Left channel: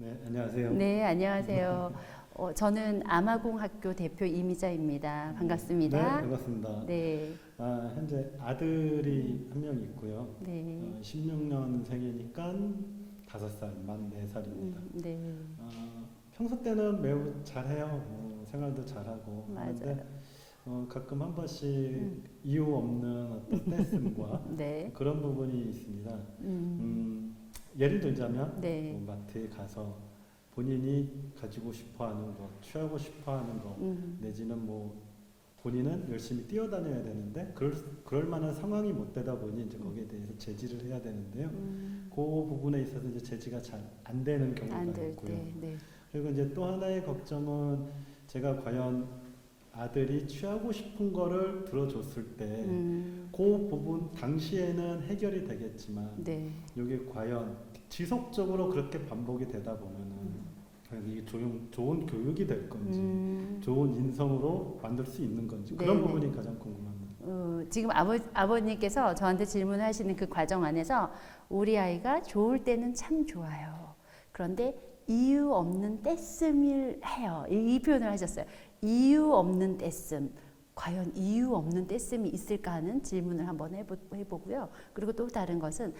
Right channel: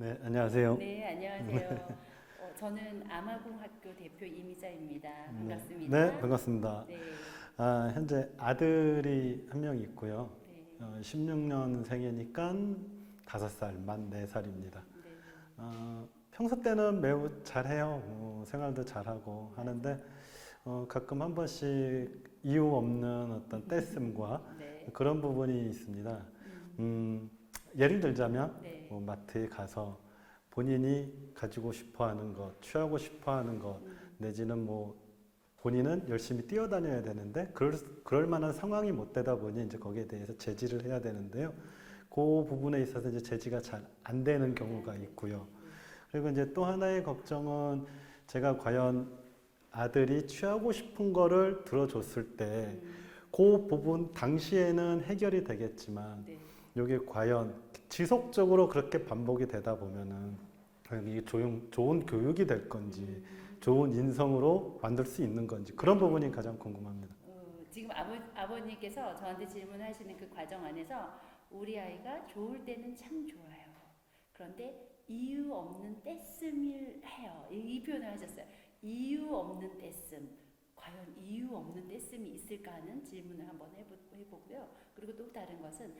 네, 안녕하세요. 네, 안녕하세요. 저는 아마공학교 대표 이미자입니다. 네, 반갑습니다. 반갑습니다. 네, 현재 아들이 한 명 있고요. 네, 16년생이니까 5살, 만 4살입니다. 네, 평소 때는 매우 잘해요. 생활도 잘하고 맞아요. 하는데 가끔 한 번씩 이유 없는 어떤 떼씀과 네, 그런 부분이 있습니다. 음, 예를 들자면 네, 마트에 가서 본인이 가지고 싶어하는 것, 취하고 싶어하는 것, 내지는 뭐 본인은 열심히 뛰어다녀야 되는데 그럴 만한 상황이 못 되다 보니 이제 거기에 대해서 제지를 해야 되는데요. 그 부분에 있어서 이제 제지가 잘 안 되는 경우가 안 될 있고요. 때, 네, 그리고 이제 또 하나의 걱정은 제가 과연 아들이 취하고 싶은 거를 들어줬을 때 그 부분 당시에는 해결이 되겠지만 네, 이게 과연 지속적으로 그렇게 반복이 되다 보면은 이게 좋은 교육이 될 건지 좋은 인성으로 만들 수 있는 건지 그런 네네. 부분이 가장 궁금합니다. 지금 아버님께서 저한테 질문하시는 그 과정 안에서 우리 아이가 좋을 때는 참 좋아요. 그런데 이유 없는 떼씀을 해요. 이 표현을 하셨어요. 이유 없는 떼씀. 과연 이유 없는 떼씀이 있을까 하는 질문을 한번 해보고요. 그리고 또 다른 것은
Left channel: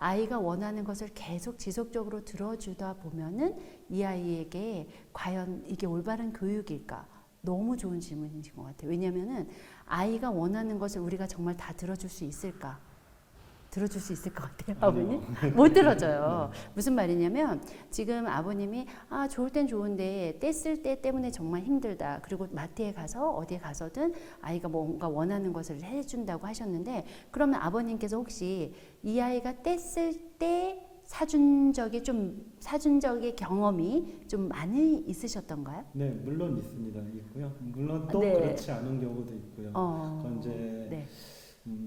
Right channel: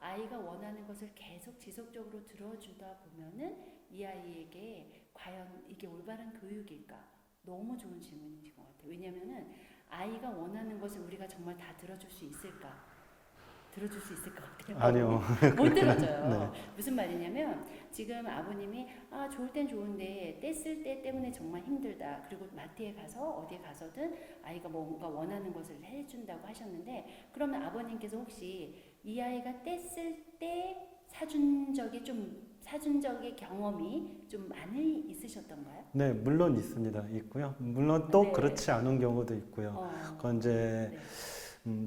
아이가 원하는 것을 계속 지속적으로 들어주다 보면은 이 아이에게 과연 이게 올바른 교육일까? 너무 좋은 질문이신 것 같아요. 왜냐하면은 아이가 원하는 것을 우리가 정말 다 들어줄 수 있을까? 들어줄 수 있을 것 같아요. 아니요. 못 들어줘요. 무슨 말이냐면 지금 아버님이 좋을 땐 좋은데 뗐을 때 때문에 정말 힘들다. 그리고 마트에 가서 어디에 가서든 아이가 뭔가 원하는 것을 해준다고 하셨는데 그러면 아버님께서 혹시 이 아이가 뗐을 때 사준 적의 경험이 좀 많이 있으셨던가요? 네, 물론 있습니다. 있고요. 물론 또 네. 그렇지 않은 경우도 있고요. 그건 이제 네.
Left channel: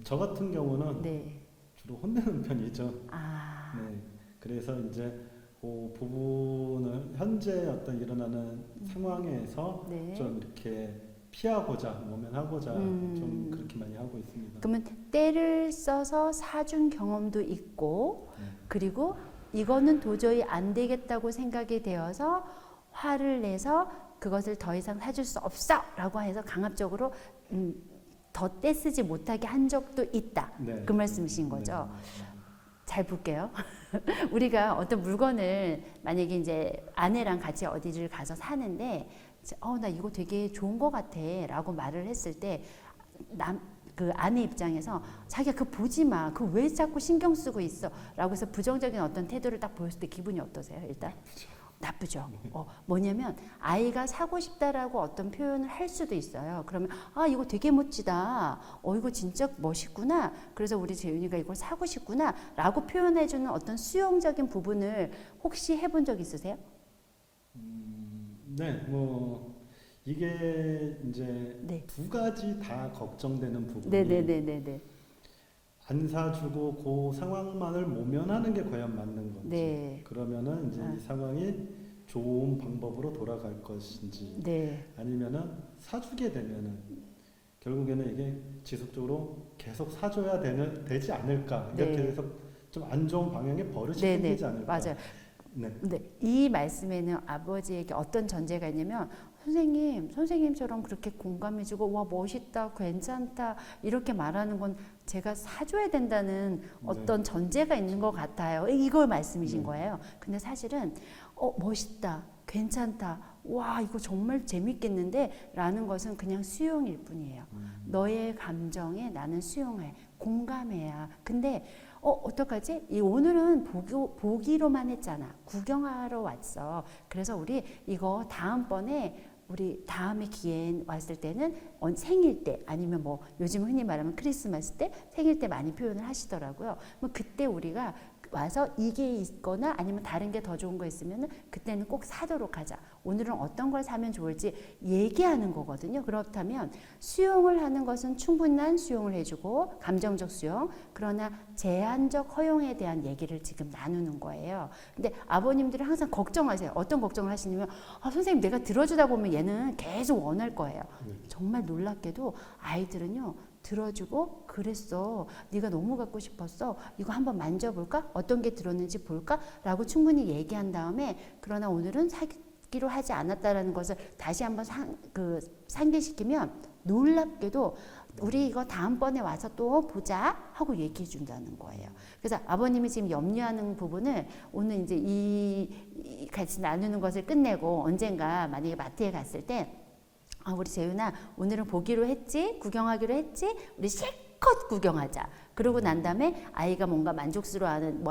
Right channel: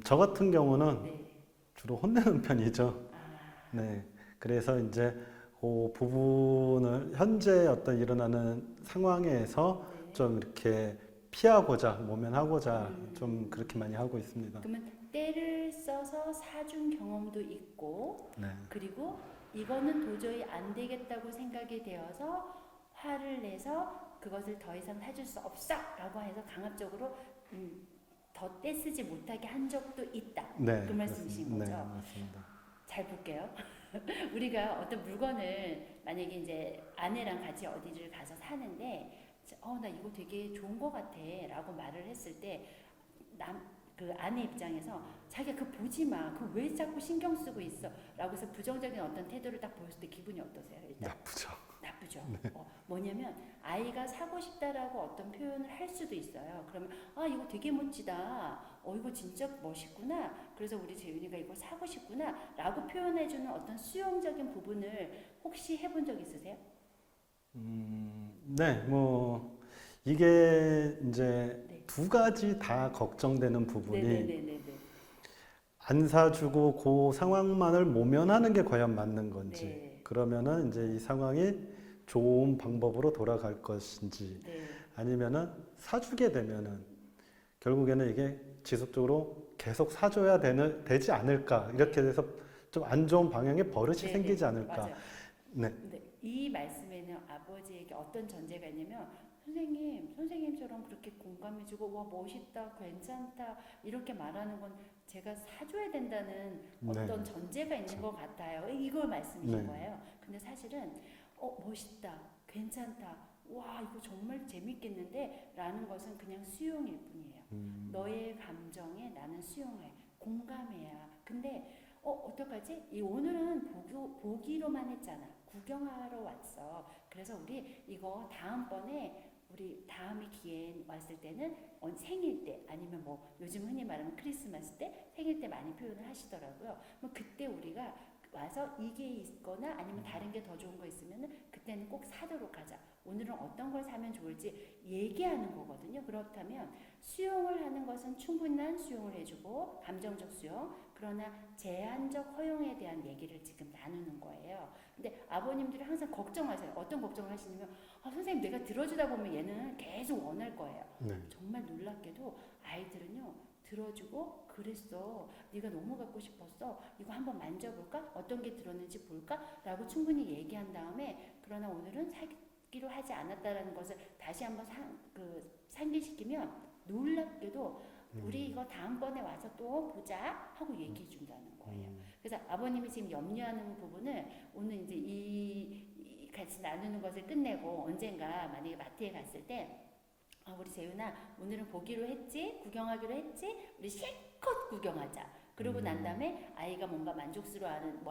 저 같은 경우는 네. 주로 혼내는 편이죠. 아, 네, 그래서 이제 그 부분을 현재 어떤 일어나는 상황에서 네. 좀 이렇게 피하고자 모면하고자 음. 좀 그렇게 많이 하고 있습니다. 그러면 때를 써서 사준 경험도 있고 네. 그리고 이거는 도저히 안 되겠다고 생각이 되어서 화를 내서 그것을 더 이상 사줄 수 없어 라고 해서 강압적으로 더 떼쓰지 못하게 한 적도 있다. 네. 그 말씀이신 거죠. 네, 맞습니다. 잘 볼게요. 우리가 어떤 물건을 만약에 이제 아내랑 같이 어디를 가서 사는데 나 이거 되게 좋은 거 같아 라고 말을 했을 때 그 아내 입장에서 자기가 그거 보지 마. 그거 왜 자꾸 신경 쓰고 있어? 라고 해서 부정적인 어떤 태도를 딱 보였을 때 기분이 어떠세요? 일단 나쁘죠. 나쁘죠. 뭐냐면 아이가 사고 싶다라고 어떤 표현을 할 수도 있어요. 그러면 이거 되게 멋지다. 이거 진짜 멋있구나. 그래서 우리 재윤이가 이걸 사고 싶구나. 라고 표현해주는 어떤 수용적인 부분을 혹시 해본 적 있으세요? 네, 뭐 이게 이제 네. 두 가지 다 걱정되는 부분이 네네네네네. 안 사주고 그 상황만을 모면하는 게 과연 맞는 건지 네. 그러면은 이제 이 상황이 좋은 방법으로 돌아갈 것인지 네. 아니면은 사주게 되면은 결국에는 이게 지속적으로 계속 사줘야 되지 않을까 이렇게 네. 돼서 좀 안 좋은 방향의 버릇이 네네. 생기지 않을까. 맞아요. 네. 근데 이 말씀에는 아버지에게 어떤 전제가 있냐면 선생님처럼 그렇게 공감해주고 와 멋있다, 괜찮다 이렇게 말하는 건 제가 사줘야 된다는 어떤 네. 전제가 있는 것 같아요. 이걸 말씀이신 네. 거예요. 근데 사실은 멋있다, 괜찮다, 와 이거 정말 재밌겠는데 라는 것은 그냥 수용일 뿐이에요. 너의 감정에 나는 수용해, 공감해야. 근데 어떡하지? 오늘은 보기로만 했잖아. 구경하러 왔어. 그래서 우리 이거 다음번에 우리 다음에 기회 왔을 때는 생일 때 아니면 뭐 요즘 흔히 말하면 크리스마스 때 생일 때 많이 표현을 하시더라고요. 뭐 그때 우리가 와서 이게 있거나 아니면 다른 게 더 좋은 거 있으면 그때는 꼭 사도록 하자. 오늘은 어떤 걸 사면 좋을지 얘기하는 거거든요. 그렇다면 수용을 하는 것은 충분한 수용을 해주고 감정적 수용, 그러나 제한적 허용에 대한 얘기를 지금 나누는 거예요. 근데 아버님들이 항상 걱정하세요. 어떤 걱정을 하시냐면 선생님 내가 들어주다 보면 얘는 계속 원할 거예요. 네. 정말 놀랍게도 아이들은요 들어주고 그랬어. 네가 너무 갖고 싶었어. 이거 한번 만져볼까? 어떤 게 들었는지 볼까? 라고 충분히 얘기한 다음에 그러나 오늘은 사기로 하지 않았다라는 것을 다시 한번 상기시키면 놀랍게도 우리 이거 다음번에 와서 또 보자 하고 얘기해 준다는 거예요. 그래서 아버님이 지금 염려하는 부분을 오늘 이제 이 같이 나누는 것을 끝내고 언젠가 만약에 마트에 갔을 때 우리 재윤아 오늘은 보기로 했지? 구경하기로 했지? 우리 실컷 구경하자. 그러고 난 다음에 아이가 뭔가 만족스러워하는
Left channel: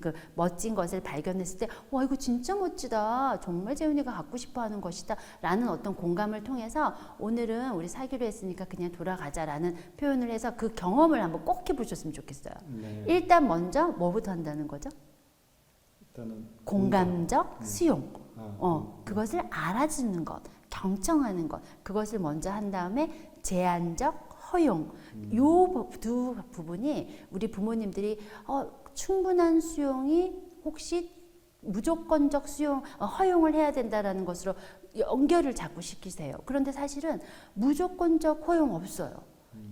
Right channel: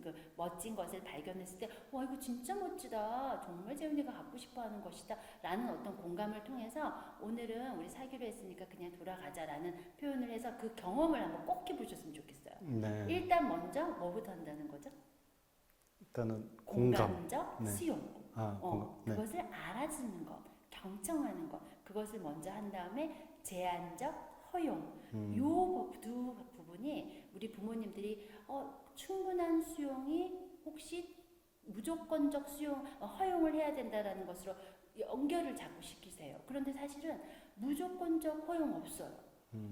그 멋진 것을 발견했을 때 와 이거 진짜 멋지다. 정말 재윤이가 갖고 싶어하는 것이다. 라는 어떤 공감을 통해서 오늘은 우리 사기로 했으니까 그냥 돌아가자라는 표현을 해서 그 경험을 한번 꼭 해보셨으면 좋겠어요. 네. 일단 먼저 뭐부터 한다는 거죠? 일단은 공감적 네. 수용. 네. 그것을 알아주는 것, 경청하는 것, 그것을 먼저 한 다음에 제한적 허용. 요 두 부분이 우리 부모님들이 충분한 수용이 혹시 무조건적 수용, 허용을 해야 된다라는 것으로 연결을 자꾸 시키세요. 그런데 사실은 무조건적 허용 없어요.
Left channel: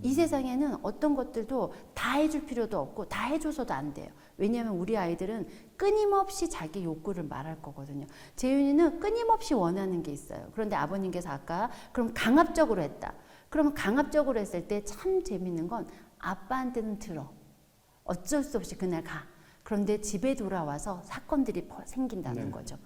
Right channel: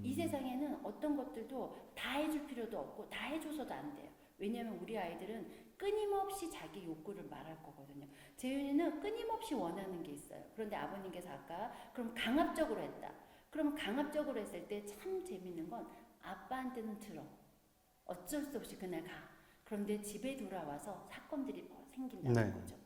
이 세상에는 어떤 것들도 다 해줄 필요도 없고 다 해줘서도 안 돼요. 왜냐하면 우리 아이들은 끊임없이 자기 욕구를 말할 거거든요. 재윤이는 끊임없이 원하는 게 있어요. 그런데 아버님께서 아까 그럼 강압적으로 했다. 그러면 강압적으로 했을 때 참 재밌는 건 아빠한테는 들어. 어쩔 수 없이 그날 가. 그런데 집에 돌아와서 사건들이 생긴다는 거죠.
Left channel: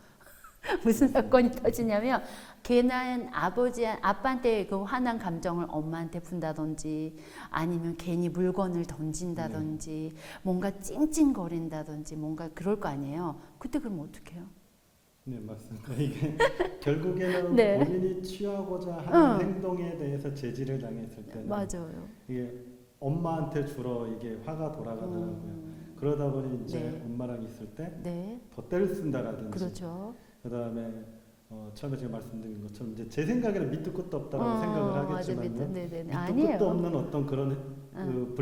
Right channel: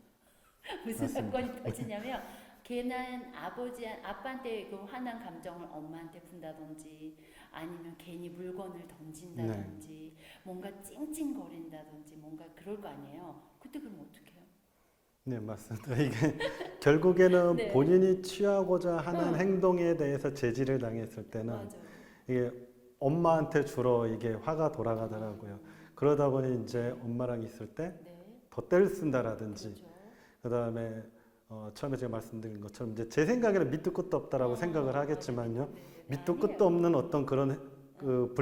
무슨 사건이 터지냐면 걔는 아빠한테 그 화난 감정을 엄마한테 푼다든지 아니면 괜히 물건을 던진다든지 뭔가 찡찡거린다든지 뭔가 그럴 거 아니에요. 그때 그럼 어떻게 해요? 네, 맞습니다. 이게 결국에는 네. 본인이 취하고자 하는 행동에 대해서 제지를 당했을 때는 맞아요. 이게 엄마한테 주로 이게 화가 돌아가더라고요. 그러다 보니 이제 네. 엄마랑 있을 때 네. 더 때를 쓴다라든지 그렇죠. 그다음에 처음에 제가 말씀드린 것처럼 이제 제 생각에는 밑도 끝도 없다라고 생각을 하겠지만요. 밑도 아니에요. 끝도 없는 어떤 그런 그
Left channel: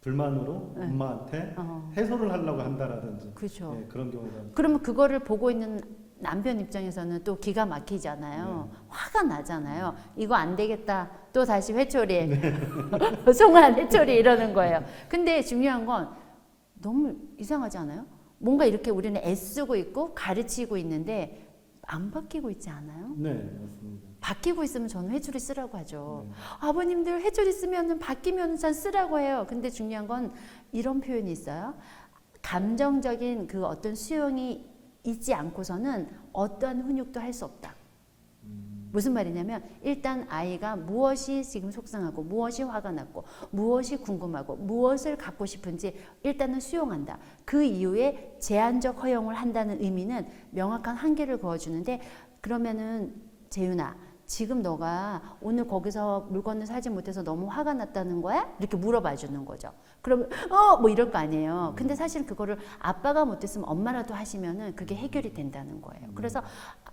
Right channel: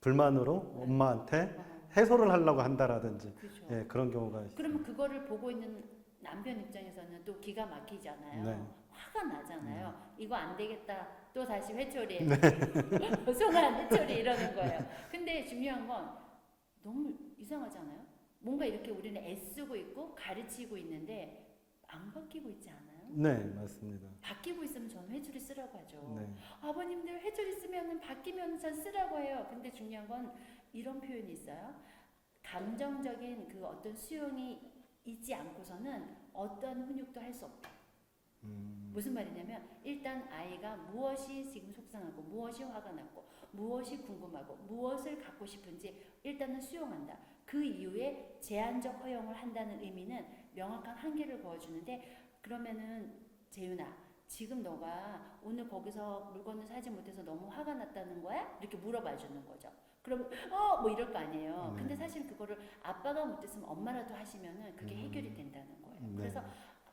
불만으로 네. 엄마한테 해소를 하려고 한다라든지 그렇죠. 예, 그런 경우가 있어요. 그러면 그거를 보고 있는 남편 입장에서는 또 기가 막히잖아요. 네. 화가 나잖아요. 이거 안 되겠다. 또 다시 회초리. 송환 회초리 이러는 거예요. 근데 중요한 건 너무 이상하지 않아요? 뭔가 이렇게 우리는 애쓰고 있고 가르치고 있는데 안 바뀌고 있지 않아요? 네, 맞습니다. 바뀌고 있으면 저는 회초리 쓰라고 하죠. 네. 아버님들 회초리 쓰면은 바뀌면 전 쓰라고 해요. 근데 중요한 건 이런 표현이 있어요. 감정적인 그 어떤 수용이 있지 않고서는 어떠한 훈육도 할 수 없다. 무슨 말이냐면 일단 아이가 무엇이 지금 속상하고 무엇이 화가 났고 무엇이 궁금하고 무엇을 갖고 싶은지 일단은 수용한다. 그 이후에 제한적 허용을 한다는 의미는 명확한 한계를 그어주는데 그러면은 재윤아 지금 너가 오늘 거기서 물건을 사지 못해서 너무 화가 났다는 거야? 이렇게 물어봐 주는 거죠. 그러면 뭐 이럴 거 아니에요. 근데 사실 그거를 아빠가 못했으면 엄마라도 하시면은 그게 해결이 된다는 거예요. 그래서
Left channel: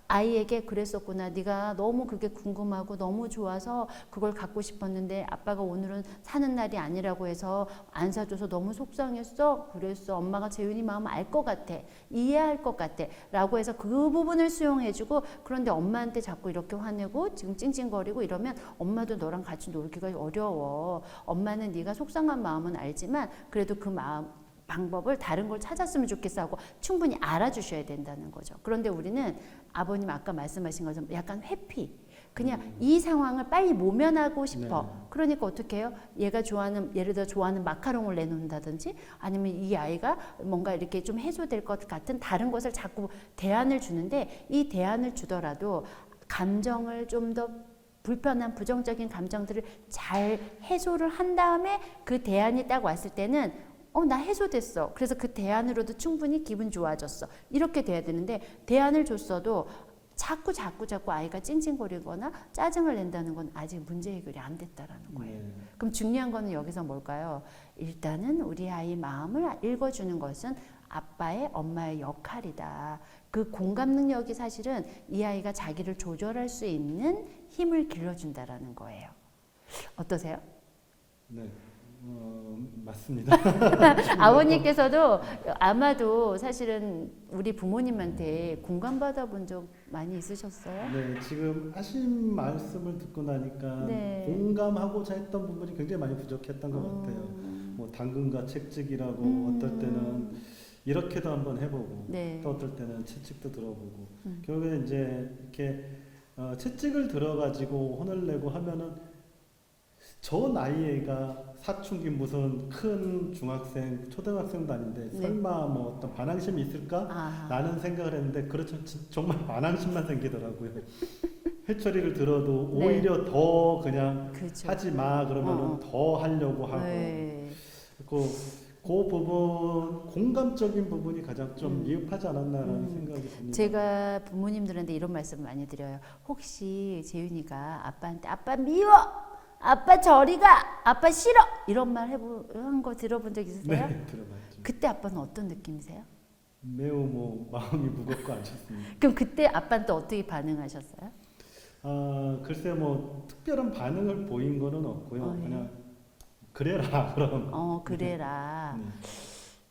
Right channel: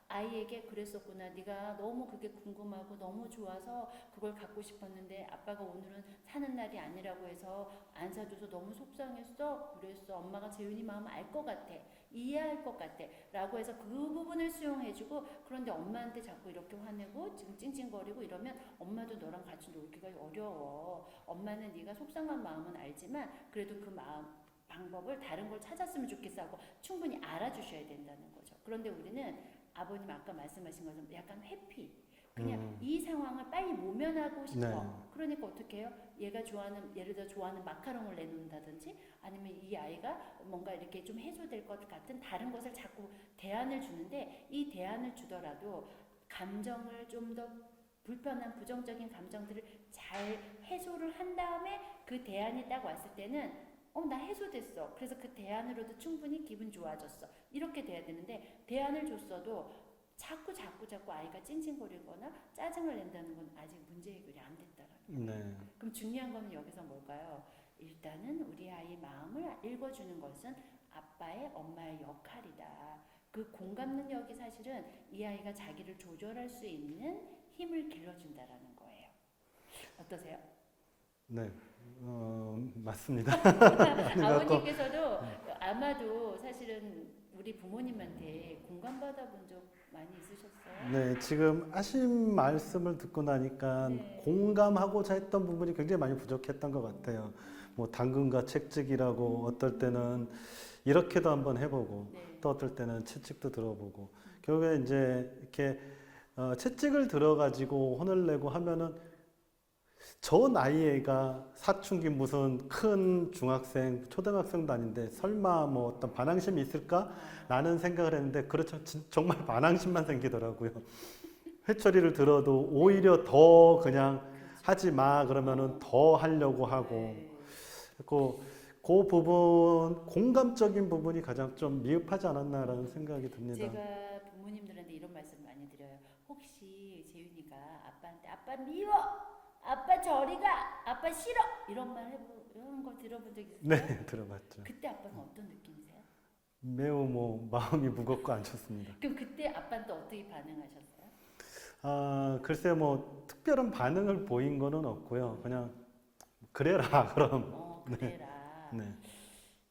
아이에게 그랬었구나. 네가 너무 그게 궁금하고 너무 좋아서 그걸 갖고 싶었는데 아빠가 오늘은 사는 날이 아니라고 해서 안 사줘서 너무 속상했어. 그랬어. 엄마가 재윤이 마음 알 것 같아. 이해할 것 같아. 라고 해서 그 부분을 수용해주고 그런데 엄마한테 자꾸 이렇게 화내고 지금 찡찡거리고 이러면 엄마도 너랑 같이 놀기가 어려워. 엄마는 네가 속상한 마음은 알지만 그래도 그 마음 방법을 다른 걸 찾았으면 좋겠어 하고 충분히 알아주셔야 된다는 거죠. 그런데 우리는 아버님 아까 말씀하신 것처럼 약간 회피. 그냥 이 상황을 빨리 모면하고 싶어. 네. 그러니까 어떻게 해요? 얘가 좋아하는 예를 들어 좋아하는 마카롱을 내놓는다든지 아니면 이 아이가 뭔가 이렇게 좀 해소될 것 같은 다른 것을 자꾸 대안을 주는데 이 대안을 주더라도 감정을 좀 더 불편한 부정적인 감정들을 잘 해소를 한 다음에 그 대안이 딱 왔을 때는 나 해소됐어. 그래서 그 대안으로도 충분히 기분 좋아졌어. 이렇게 돼야 되는데 대안을 줬어도 자꾸 아이가 찡찡거리거나 짜증을 낸다는 건 아직 문제 해결이 안 됐다라는 거예요. 네. 그럼 중요한 거는 여기서 뭘까요? 일단은 우리 아이 마음을 읽어주는 것은 아빠의 엄마의 역할이다. 그 공감 능력이 사실은 이 아이가 자기를 조절할 수 있는 힘을 길러준다라는 거예요. 어떠세요? 네. 맞습니다. 아버님께서도 아마도 사실은 우리 부모님한테 공감받아 본 적 많이 있으셨어요? 네, 지금 하신 말씀을 듣고 나니까 네. 공감하고자 했던 부분이 굉장히 많이 부족했던 것 같아요. 뭐 당근과 채찍이라고 어떨 때는 이렇게도 한번 해보고 네. 또 어떨 때는 채찍도 들어보고 음. 결국에 이제 이렇게 채찍을 들어가지고 혼을 내고 하면은 저 나이에가 사춘기 무슨 큰 중학생, 초등학생도 아닌데 네. 설마 뭐 어떤 반항심이 있을까? 아, 라는 생각을 했는데 그렇죠. 정말 반항심만 생기더라고요. 해처리를 들어도 네. 오히려 더 그냥 그렇죠. 하지 마 그러면은 더 하려고 하고 네. 그 부분 공감적인 부분이 가장 좀 미흡하지 않았나라는 생각이 듭니다. 제가 부모님들한테 이런 말씀 많이 드려요. 혹시 재윤이가 아빠한테 아빠 미워, 아빠 저리 가, 아빠 싫어 이런 말 한 거 들어본 적 있으세요? 네, 들어봤죠. 그때 아빠는 어떤 느낌이세요? 매우 뭐 마음이 무겁고 안 좋습니다. 그럼 그때 아빠는 또 어떻게 반응하셨어요? 글쎄 뭐 특별한 반응을 보인 거는 없고요. 예. 그냥 그래라 그럼. 그래라. 네.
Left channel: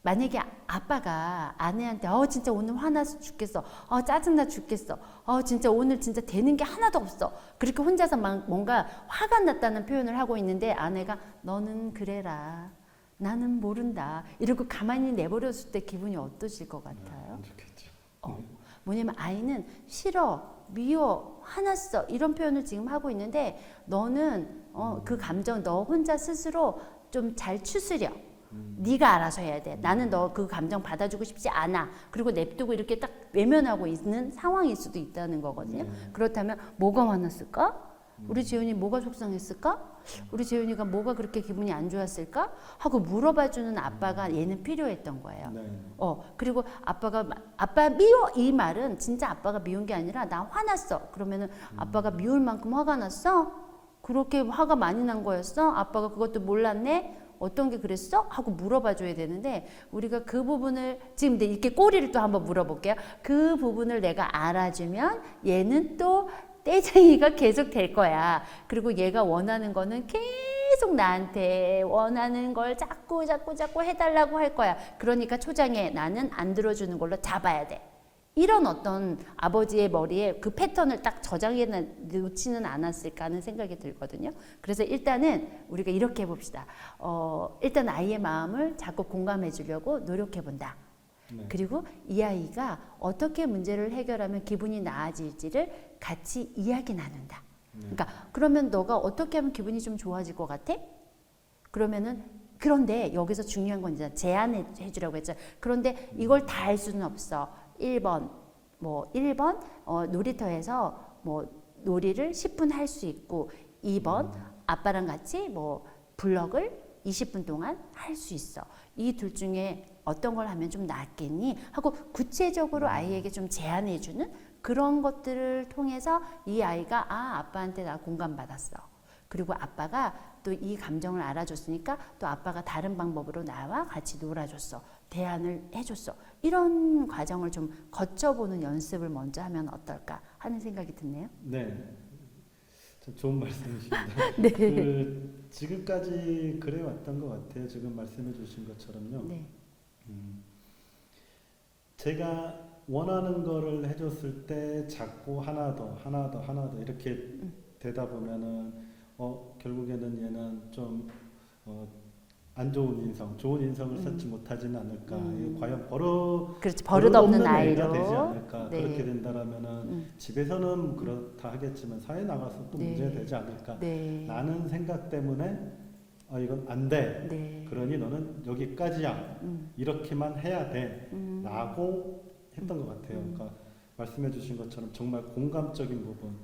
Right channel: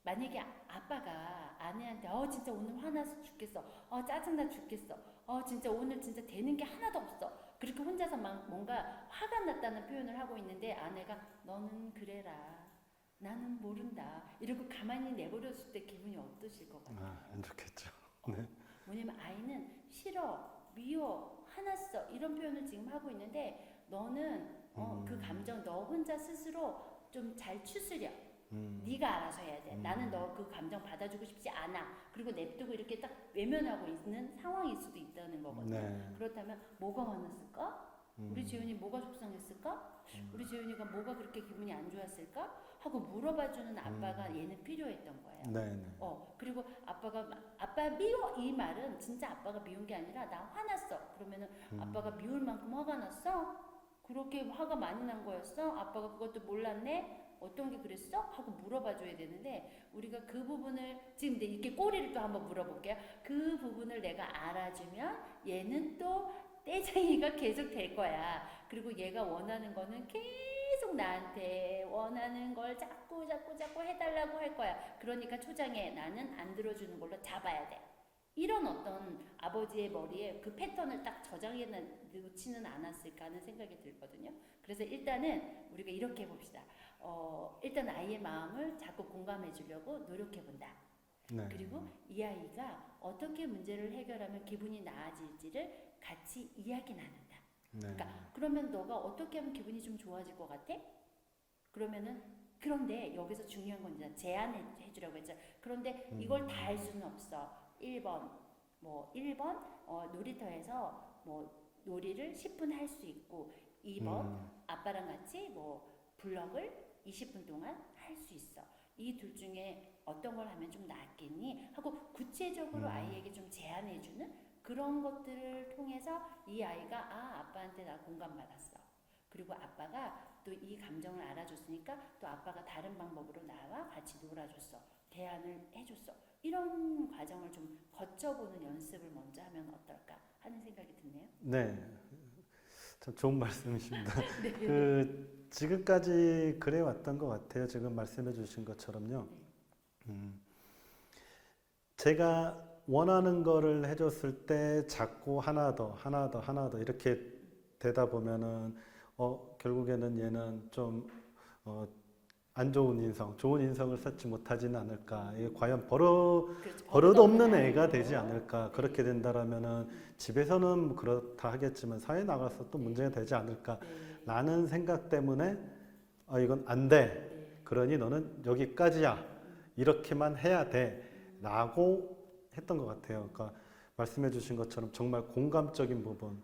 만약에 아빠가 아내한테 진짜 오늘 화나서 죽겠어. 짜증나 죽겠어. 진짜 오늘 진짜 되는 게 하나도 없어. 그렇게 혼자서 막 뭔가 화가 났다는 표현을 하고 있는데 아내가 너는 그래라. 나는 모른다. 이러고 가만히 내버렸을 때 기분이 어떠실 것 같아요? 안 좋겠죠. 뭐냐면 아이는 싫어, 미워, 화났어 이런 표현을 지금 하고 있는데 너는 그 감정 너 혼자 스스로 좀 잘 추스려. 네가 알아서 해야 돼. 나는 너 그 감정 받아주고 싶지 않아. 그리고 냅두고 이렇게 딱 외면하고 있는 상황일 수도 있다는 거거든요. 네. 그렇다면 뭐가 화났을까? 우리 재윤이 뭐가 속상했을까? 우리 재윤이가 뭐가 그렇게 기분이 안 좋았을까? 하고 물어봐주는 아빠가 얘는 필요했던 거예요. 네. 그리고 아빠가 아빠 미워 이 말은 진짜 아빠가 미운 게 아니라 나 화났어. 그러면은 아빠가 미울 만큼 화가 났어? 그렇게 화가 많이 난 거였어? 아빠가 그것도 몰랐네? 어떤 게 그랬어? 하고 물어봐 줘야 되는데 우리가 그 부분을 지금 이렇게 꼬리를 또 한번 물어볼게요. 그 부분을 내가 알아주면 얘는 또 떼쟁이가 계속 될 거야. 그리고 얘가 원하는 거는 계속 나한테 원하는 걸 자꾸 해달라고 할 거야. 그러니까 초장에 나는 안 들어주는 걸로 잡아야 돼. 이런 어떤 아버지의 머리에 그 패턴을 딱 저장해 놓지는 않았을까 하는 생각이 들거든요. 그래서 일단은 우리가 이렇게 해봅시다. 일단 아이의 마음을 자꾸 공감해 주려고 노력해 본다. 네. 그리고 이 아이가 어떻게 문제를 해결하면 기분이 나아질지를 같이 이야기 나눈다. 네. 그러니까 그러면 너가 어떻게 하면 기분이 좀 좋아질 것 같아? 그러면은 그런데 여기서 중요한 건 이제 제안해 주라고 했죠. 그런데 이걸 다 할 수는 없어. 1번 놀이터에서 뭐 놀이를 10분 할 수 있고 2번 아빠랑 같이 뭐 블럭을 20분 동안 할 수 있어. 이 둘 중에 어떤 걸 하면 좀 낫겠니? 하고 구체적으로 아이에게 좀 제안해 주는 그런 것들을 통해서 이 아이가 아빠한테 나 공감받았어. 그리고 아빠가 또 이 감정을 알아줬으니까 또 아빠가 다른 방법으로 나와 같이 놀아줬어. 대안을 해줬어. 이런 과정을 좀 거쳐보는 연습을 먼저 하면 어떨까 하는 생각이 드네요. 네. 좋은 말씀이십니다. 네. 지금까지 그래 왔던 것 같아요. 지금 말씀해 주신 것처럼요. 네. 제가 원하는 거를 해줬을 때 자꾸 하나 더 이렇게 되다 보면은 결국에는 얘는 좀 안 좋은 인성, 좋은 인성을 쌓지 못하지는 않을까. 얘 과연 그렇지. 버릇없는 애가 아이로 되지 않을까. 네. 그렇게 된다라면은 집에서는 그렇다 하겠지만 사회 나가서 또 네. 문제가 되지 않을까. 네. 라는 생각 때문에 이건 안 돼. 네. 그러니 너는 여기까지야. 이렇게만 해야 돼. 라고 했던 것 같아요. 그러니까 말씀해 주신 것처럼 정말 공감적인 부분.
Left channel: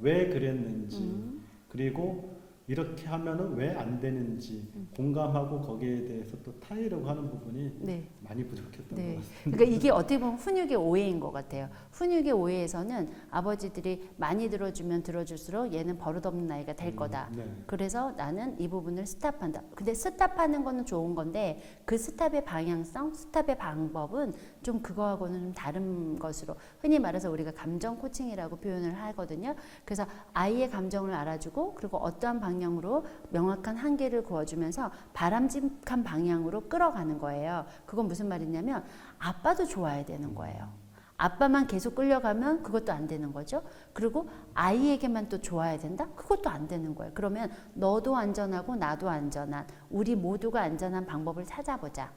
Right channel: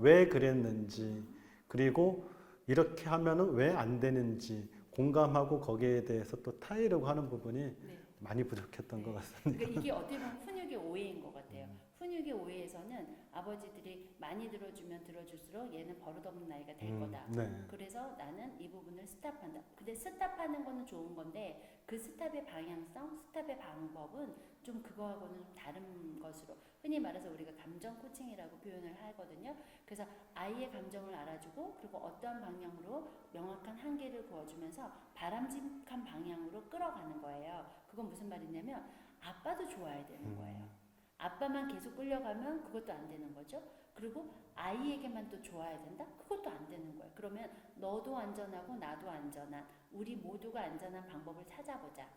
왜 그랬는지. 그리고 이렇게 하면은 왜 안 되는지 공감하고 거기에 대해서 또 타이려고 하는 부분이 네. 많이 부족했던 네. 것 같습니다. 그러니까 이게 어떻게 보면 훈육의 오해인 것 같아요. 훈육의 오해에서는 아버지들이 많이 들어주면 들어줄수록 얘는 버릇없는 아이가 될 거다. 네. 그래서 나는 이 부분을 스탑한다. 근데 스탑하는 거는 좋은 건데 그 스탑의 방향성, 스탑의 방법은 좀 그거하고는 좀 다른 것으로 흔히 말해서 우리가 감정 코칭이라고 표현을 하거든요. 그래서 아이의 감정을 알아주고 그리고 어떠한 방향으로 명확한 한계를 그어주면서 바람직한 방향으로 끌어가는 거예요. 그건 무슨 말이냐면 아빠도 좋아야 되는 거예요. 아빠만 계속 끌려가면 그것도 안 되는 거죠. 그리고 아이에게만 또 좋아야 된다? 그것도 안 되는 거예요. 그러면 너도 안전하고 나도 안전한, 우리 모두가 안전한 방법을 찾아보자.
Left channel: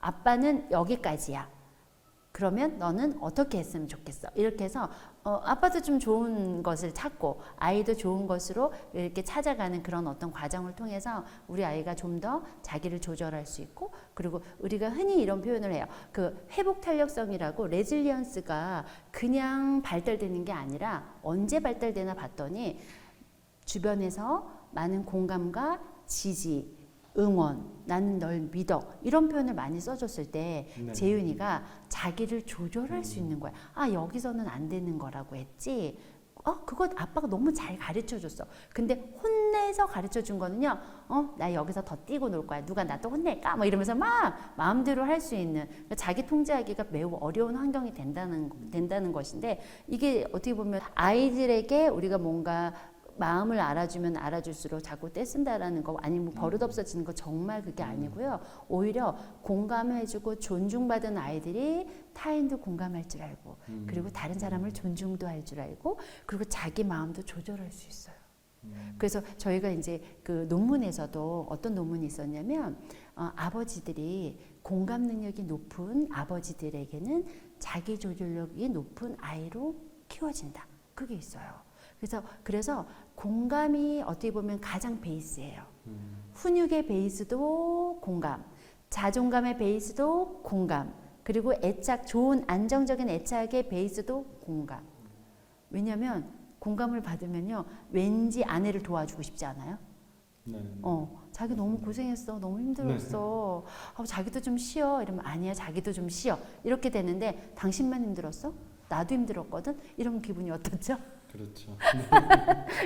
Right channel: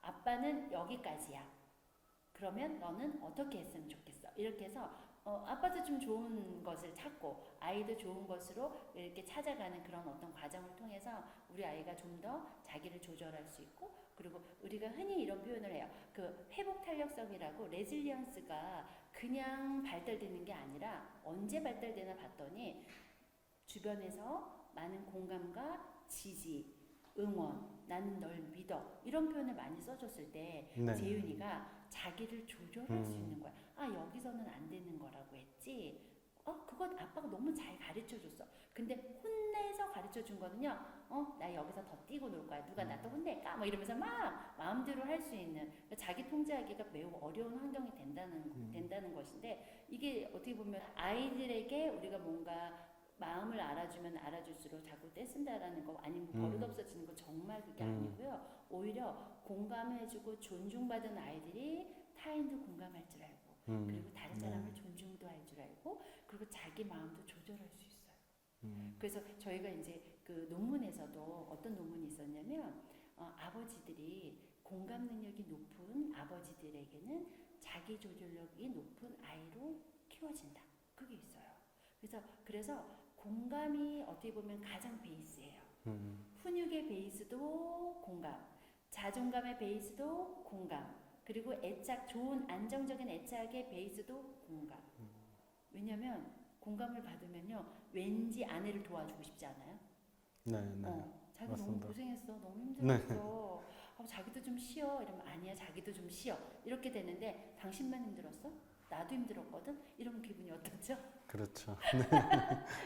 아빠는 여기까지야. 그러면 너는 어떻게 했으면 좋겠어? 이렇게 해서 아빠도 좀 좋은 것을 찾고 아이도 좋은 것으로 이렇게 찾아가는 그런 어떤 과정을 통해서 우리 아이가 좀 더 자기를 조절할 수 있고 그리고 우리가 흔히 이런 표현을 해요. 그 회복 탄력성이라고 레질리언스가 그냥 발달되는 게 아니라 언제 발달되나 봤더니 주변에서 많은 공감과 지지 응원, 나는 널 믿어 이런 표현을 많이 써줬을 때 네. 재윤이가 자기를 조절할 수 있는 거야. 아 여기서는 안 되는 거라고 했지. 그거 아빠가 너무 잘 가르쳐줬어. 근데 혼내서 가르쳐준 거는요. 나 여기서 더 뛰고 놀 거야. 누가 나 또 혼낼까? 뭐 이러면서 막 마음대로 할 수 있는 그러니까 자기 통제하기가 매우 어려운 환경이 된다는 것인데 이게 어떻게 보면 아이들에게 우리가 뭔가 마음을 알아주면 알아줄수록 자꾸 떼쓴다라는 거 아니면 버릇 없어지는 거 정말 그게 아니고요. 오히려 공감해주고 존중받은 아이들이 타인도 공감할 줄 알고 그리고 다른 사람을 존중도 할 줄 알고 그리고 자기 마음도 조절할 수 있어요. 그래서 저희가 이제 그 논문에서도 어떤 논문이 있었냐면 아버지들이 공감 능력이 높은 아버지들에게는 자기 조절력이 높은 아이로 키워진다. 그게 있어요. 그래서 공감이 어떻게 보면 가장 베이스예요. 훈육의 베이스도 공감, 자존감의 베이스도 공감, 그리고 애착, 좋은 안정적인 애착의 베이스도 공감. 왜냐하면 공감을 받으면요, 왠지 아내를 도와주고 싶지 않아요? 네. 자기 너무 고생했어, 너무 힘들었어. 자기도 좀 쉬어. 이러면 아니야, 자기도 좀 쉬어. 이렇게 되는데 당신만 힘들었어? 나도 힘들었거든. 이러면 기분이 어떻죠? 그렇죠.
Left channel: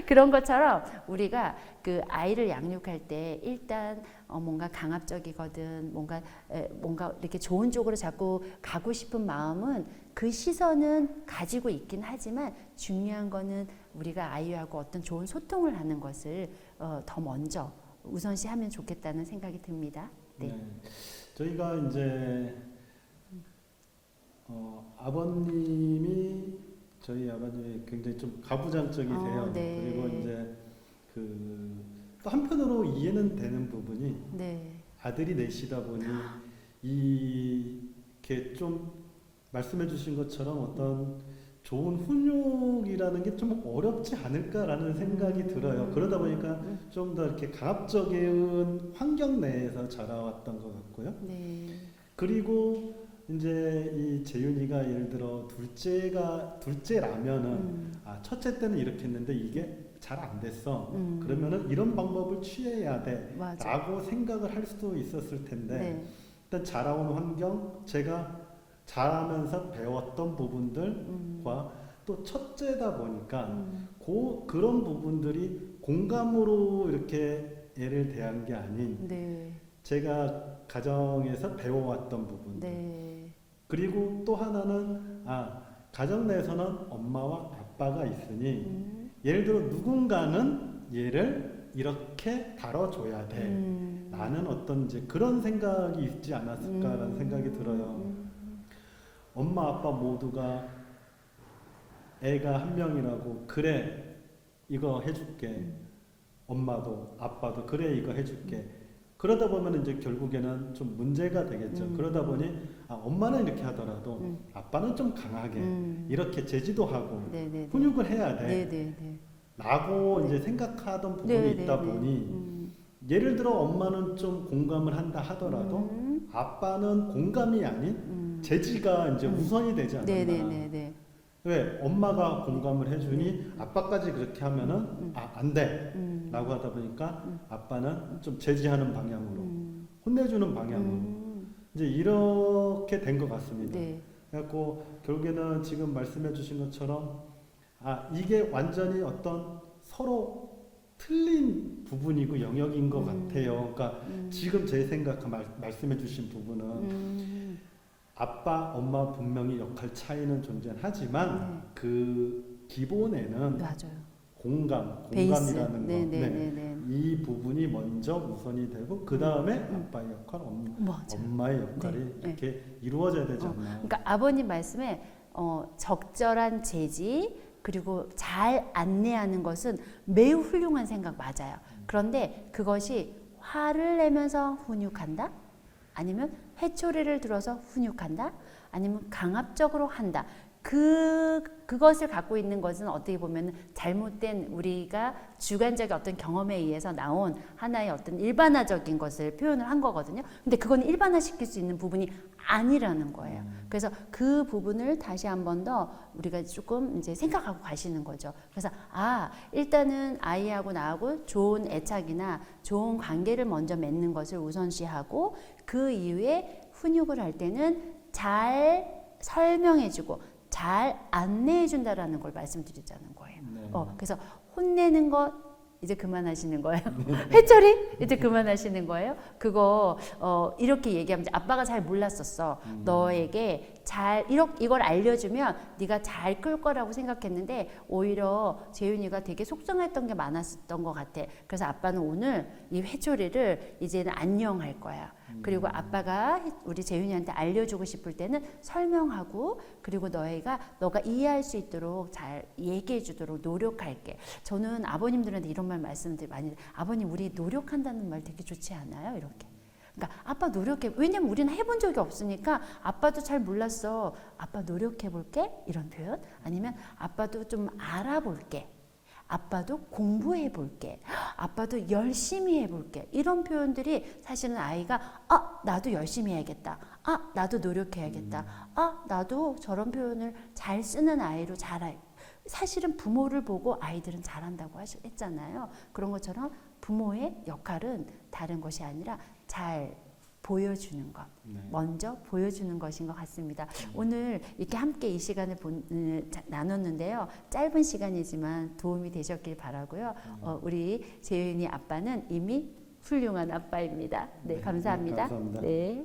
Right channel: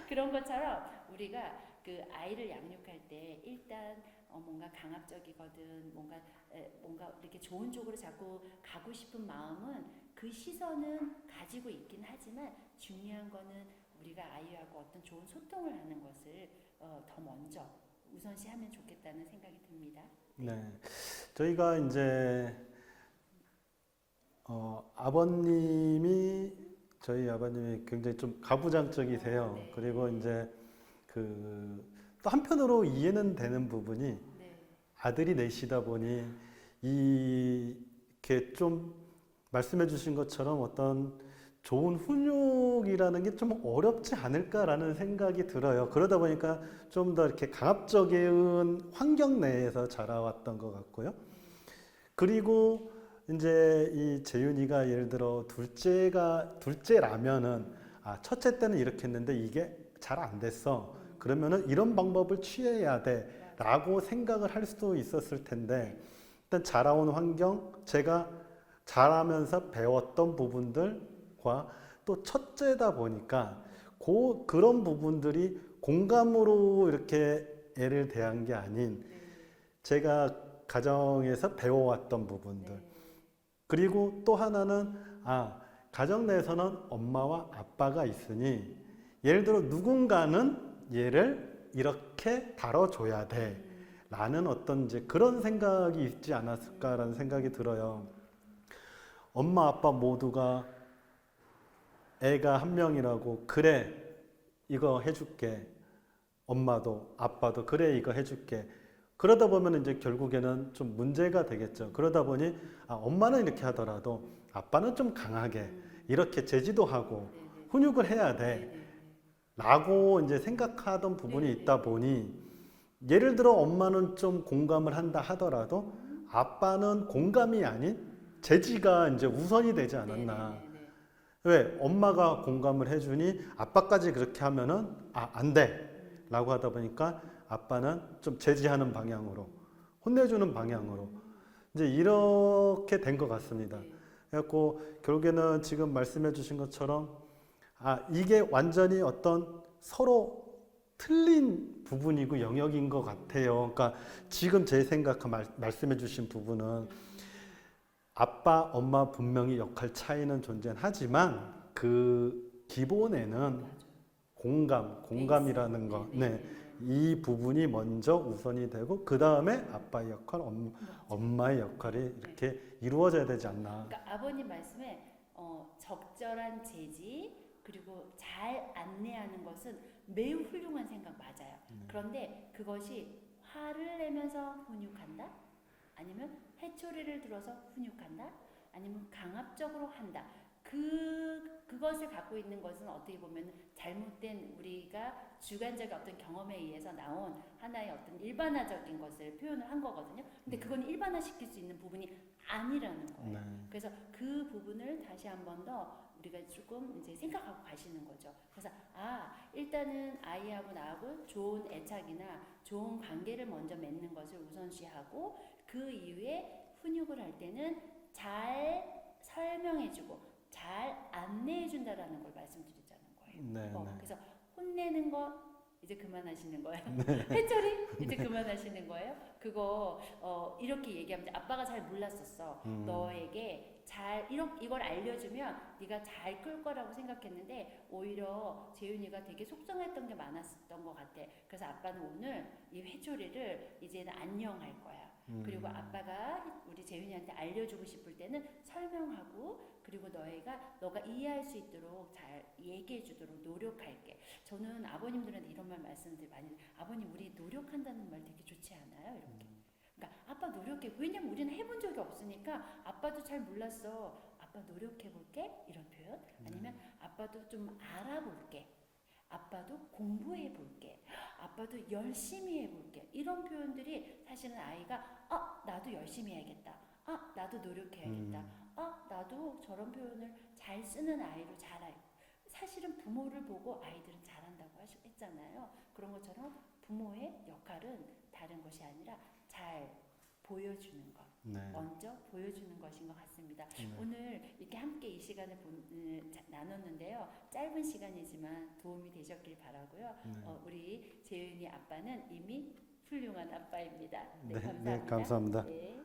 그런 것처럼 우리가 그 아이를 양육할 때 일단 뭔가 강압적이거든 뭔가 이렇게 좋은 쪽으로 자꾸 가고 싶은 마음은 그 시선은 가지고 있긴 하지만 중요한 거는 우리가 아이하고 어떤 좋은 소통을 하는 것을 더 먼저 우선시하면 좋겠다는 생각이 듭니다. 네. 네. 저희가 이제 저희 아버님이 굉장히 좀 가부장적이세요. 네. 그리고 이제 또 한편으로 이해는 되는 부분이 네. 아들이 넷이다 보니 이렇게 좀 말씀해주신 것처럼 어떤 좋은 훈육이라는 게 좀 어렵지 않을까라는 생각이 들어요. 그러다 보니까 좀 더 이렇게 가압적인 환경 내에서 자라왔던 것 같고요. 네. 그리고 이제 이 재윤이가 예를 들어 둘째라면은 첫째 때는 이렇게 했는데 이게 잘 안 됐어. 그러면은 이런 방법을 취해야 돼라고 생각을 할 수도 있었을 텐데 네. 일단 자라온 환경, 제가 자라면서 배웠던 부분들과 또 첫째다 보니까 그런 부분들이 공감으로 이렇게 애를 대한 게 아닌 네. 제가 가정에서 배워왔던 부분들. 네. 그리고 또 하나는 가정 내에서는 엄마와 아빠가 있으니 예를 들어 누군가는 얘를 이렇게 다뤄줘야 돼 라는 어떤 이제 그런 생각이 있지 않았을까라는 생각이 들어요. 엄마 아빠 모두가 애가 한 명이라고 그래 이거 해줄게, 엄마도 아빠도 그래 이거 해줄게, 그러다 보면 이제 결국에는 좀 문제가 되겠죠. 그러다 보니 엄마는 이렇게 하더라도 아빠는 좀 강하게 이렇게 제지도 하고 네네네. 훈육을 해야 돼 네네네. 라고 이제 생각하던 부분이 네네네. 있다 보니 예를 들어 엄마는 좀 공감을 한다 하더라도 아빠는 공감이 아닌 제지가 이제 우선이 되지 않았나. 네네네. 왜? 엄마가 공감을 해주니 아빠까지 그렇게 하면은 안 돼 라고 하다 보니까 아빠는 좀 제지하는 방향으로 혼내주는 방향으로 이제 이렇게 된 것 같습니다. 네. 그래갖고 결국에는 지금 말씀해주신 것처럼 이게 완전히 어떤 서로 틀린 부분이고 영역인 것 같아요. 그러니까 지금 제 생각 말씀해주신 부분은 아빠, 엄마 분명히 역할 차이는 존재하지만 그 기본에는 맞아요. 공감이라는 거, 네네네. 이 부분이 먼저 우선이 되고 그 다음에 아빠의 역할, 엄마의 역할이 이렇게 이루어져야 되지 않나. 그러니까 아버님 말씀에 적절한 제지 그리고 잘 안내하는 것은 매우 훌륭한 생각 맞아요. 그런데 그것이 화를 내면서 훈육한다? 아니면 회초리를 들어서 훈육한다? 아니면 강압적으로 한다? 그것을 갖고 있는 것은 어떻게 보면 잘못된 우리가 주관적인 어떤 경험에 의해서 나온 하나의 어떤 일반화적인 것을 표현을 한 거거든요. 근데 그건 일반화시킬 수 있는 부분이 아니라는 거예요. 그래서 그 부분을 다시 한 번 더 우리가 조금 이제 생각하고 가시는 거죠. 그래서 일단은 아이하고 나하고 좋은 애착이나 좋은 관계를 먼저 맺는 것을 우선시하고 그 이후에 훈육을 할 때는 잘 설명해주고 잘 안내해준다라는 걸 말씀드리자는 거예요. 그래서 혼내는 것 이제 그만하시는 거예요. 회초리 이제 그만하시는 거예요. 그거 이렇게 얘기하면 아빠가 잘 몰랐었어. 너에게 잘 이걸 알려주면 네가 잘 끌 거라고 생각했는데 오히려 재윤이가 되게 속상했던 게 많았던 것 같아. 그래서 아빠는 오늘 이 회초리를 이제는 안녕할 거야. 그리고 아빠가 우리 재윤이한테 알려주고 싶을 때는 설명하고 그리고 너가 이해할 수 있도록 잘 얘기해 주도록 노력할게. 저는 아버님들한테 이런 말씀들 많이 아버님 우리 노력한다는 말 되게 좋지 않아요? 이렇게. 그러니까 아빠 노력해. 왜냐면 우리는 해본 적이 없으니까 아빠도 잘 몰랐어. 아빠 노력해 볼게. 이런 표현. 아니면 아빠도 좀 알아볼게. 아빠도 공부해 볼게. 아빠도 열심히 해 볼게. 이런 표현들이 사실은 아이가 나도 열심히 해야겠다. 나도 노력해야겠다. 나도 저런 표현을 잘 쓰는 아이로 자랄. 사실은 부모를 보고 아이들은 잘한다고 했잖아요. 그런 것처럼 부모의 역할은 다른 것이 아니라 잘 보여주는 것, 먼저 보여주는 것인 것 같습니다. 오늘 이렇게 함께 이 시간을 나눴는데요. 짧은 시간이지만 도움이 되셨길 바라고요. 우리 재윤이 아빠는 이미 훌륭한 아빠입니다. 네, 감사합니다. 감사합니다. 네.